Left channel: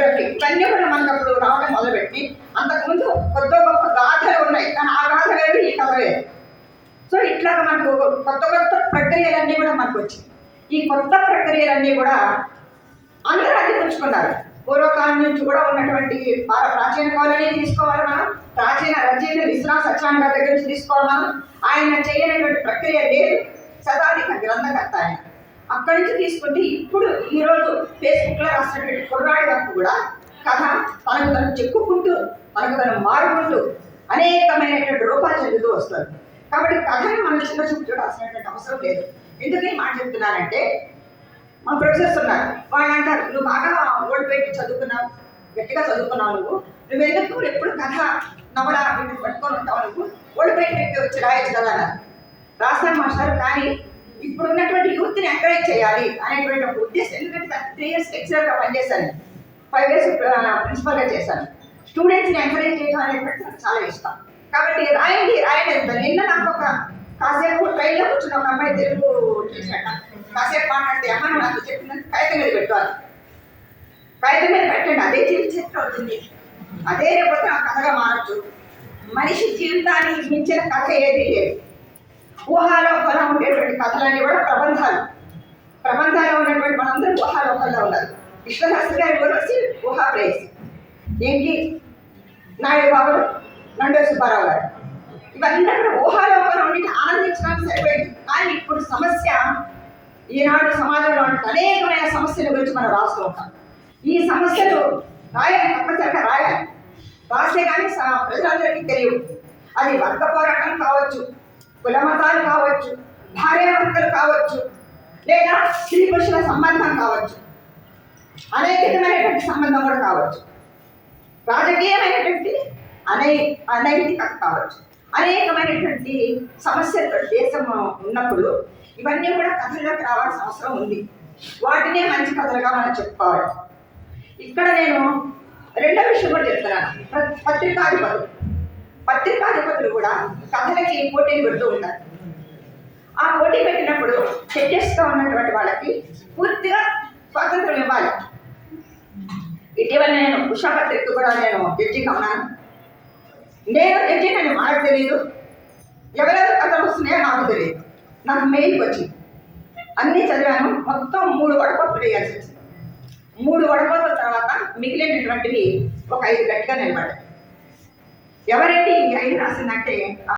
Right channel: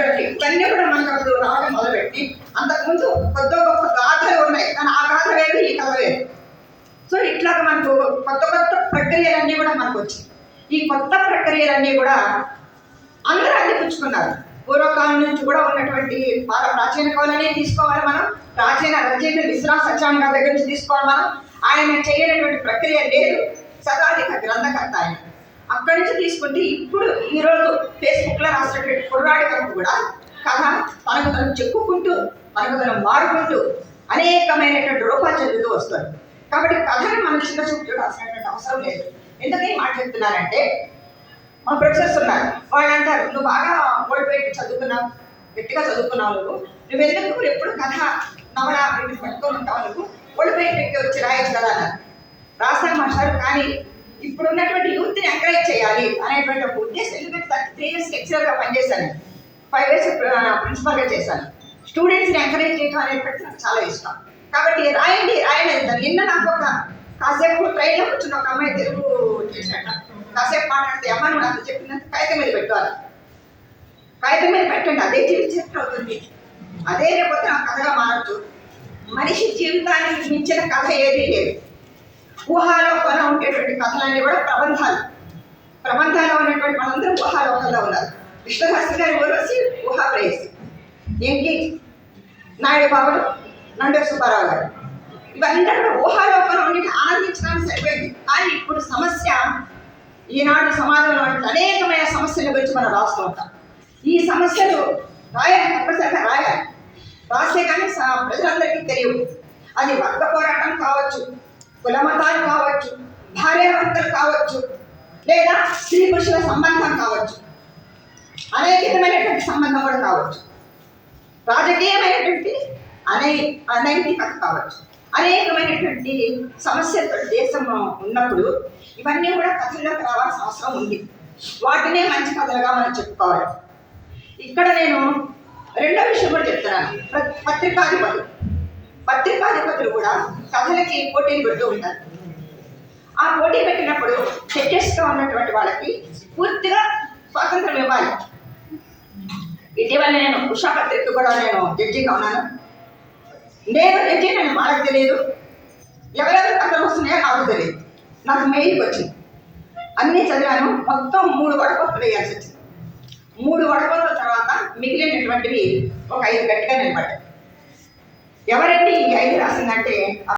దగ్గరకి ఇవన్నీ కూడా మనకు అప్పుడు రావడం మొదలుపెట్టి అంతకుముందు కొత్త గొప్ప గాథలు ఉన్నాయి, కానీ ఆ గాథ వేరు ఈ కథ వేరు. సో ఇట్లాగా మనకు కొత్త కొత్త ప్రక్రియలన్నీ కూడా మనకు వచ్చాయి. ఈ కొత్త ప్రక్రియలన్నీ కూడా అందరూ అందిపుచ్చుకున్నారు. పూర్వకాలం నుంచి కూడా ఉన్నటువంటి ప్రాచీన కవులనే తీసుకోవాలి మనం, ప్రాచీన రచయిత విశ్వనాథ సత్యనారాయణ గారి దగ్గర నుంచి తీసుకోవాలి మనం. ఆయన చేయనటువంటి ప్రక్రియ లేదు, శతాధిక గ్రంథకర్త ఆయన. అక్కడి నుంచి తీసుకుంటే ఇప్పుడు ఈరోజు ఫేస్బుక్లో రాసినటువంటి కుర్రాడి వరకు కూడా కథ తనకు తను చెప్పుకుంటూ తనకు తను మారుకుంటూ అనేకమైనటువంటి రూపాలు చెందుతూ వస్తారు. కాబట్టి కథని మన చిన్న చూపుతో రాసినటువంటి అవసరం లేదు. ఎందుకని మాట చెప్తున్నారంటే, మా ప్రొఫెసర్స్ ఉన్నారు, వాళ్ళు అంటారు నువ్వు బాగా ఓడిపోయి చదువుకున్నావు, గట్టిగా చదువుకున్నావు, నువ్వెందుకు ఎప్పుడు కథ నవల వీటిని పట్టుకొని ఉంటావు, నువ్వు ఓడిపోయి వచ్చి రాయొచ్చు కదా అన్నారు. రాస్తాను మాస్టర్, కానీ ఇప్పుడు ఉన్నటువంటి యూత్ని ఎంకరేజ్ చేయాలి అనేటువంటి ఒక ఉద్దేశం. ఎందుకంటే 3 years లెక్చరర్గా పనిచేశాను, 5 years ప్రిన్సిపల్గా చేశాను. స్టూడెంట్స్ని ఎంకరేజ్ చేయడం అనేటువంటి నాకు చాలా ఇష్టం. కాబట్టి రాయండి రాయలేదు. నిన్న నాకు ఒక కాసేపు ట్రైన్లో కూర్చున్న ఒక అమ్మాయి తెలుగు చేశాట, కాసేపు మాట్లాడితే అమ్మాయి నాకు చెప్పినంత కాగితం మీద పెట్టాలి, కాగితం మీద పెట్టండి, అదే జీవిత చరిత్ర అవుతుంది, అదే రేపు నాకు కథగా మారచ్చు. మనిషి జీవితానికి మించిన కథ ఏదీ లేదు. ఊహాలోకంలో ఉండేటువంటి కథలన్నీ కూడా ప్రబంధాలు ఉన్నటువంటి మనందరం ఊహాలోకంలో ఉన్నారు. విష్ణుశాస్త్రి గారి ఊరవసి ఊహాప్రేయసి, ఎంకి నాయుడు బాబులు, నండూరి సుబ్బారావు గారు, ఇవన్నీ కూడా ఊహాలోకంలో ఉండి ఆనందించడానికి సరిపోయింది. కానీ ఇప్పుడు సమస్య, ఈనాడు సమాజంలో అనేకమైన సమస్యల గురించి మనం రాస్తూ ఉంటాం. ఈ సమస్యలు రాయాలి, తప్పనిసరిగా రాయాలి, రాస్తే కానీ ప్రజలందరికీ తెలియవు. అది వర్గ పోరాటం కావచ్చు, కుల మతాలు కావచ్చు, భార్యాభర్తలు కావచ్చు, లేదా స్త్రీ పురుషుల సంబంధం కావచ్చు, అనేకమైనటువంటి సంబంధం కూడా కావచ్చు, రాజకీయమైనటువంటి అనైతికత కావచ్చు, అనేకమైనటువంటి సమస్యలతో దేశం ఉన్నప్పుడు ఇవన్నీ కూడా కథల్లోకి రావాల్సిన అవసరం ఉంది. వాటినే మంచి కథలుగా మనం చెప్పుకోవాలి. ఇక్కడ నేను రెండో విషయం కూడా చెప్తున్నాను. పత్రికాధిపతులు కూడా కథలకి పోటీలు పెడుతూ ఉంటారు. ఆ పోటీ పెట్టినప్పుడు టెక్నిస్ట్గా ఉన్నటువంటి వాళ్ళకి పూర్తిగా స్వాతంత్రం ఇవ్వాలి. ఇటీవల నేను ఉషా పత్రిక కూడా నేను జడ్జిగా ఉన్నాను. నేను జడ్జి, నేను మనకు తెలియదు, ఎవరెవరు కథలు వస్తున్నాయో నాకు తెలియదు. నాకు మెయిల్కి వచ్చింది, అన్నీ చదివాను. మొత్తం 3 వడపోతలు వేయాల్సి వచ్చింది. 3 వడపోతల తర్వాత మిగిలినటువంటివి ఒక 5 గట్టిగా నిలబడ్డాయి. ఎవరంటే ఈ 5 రాసిందంటే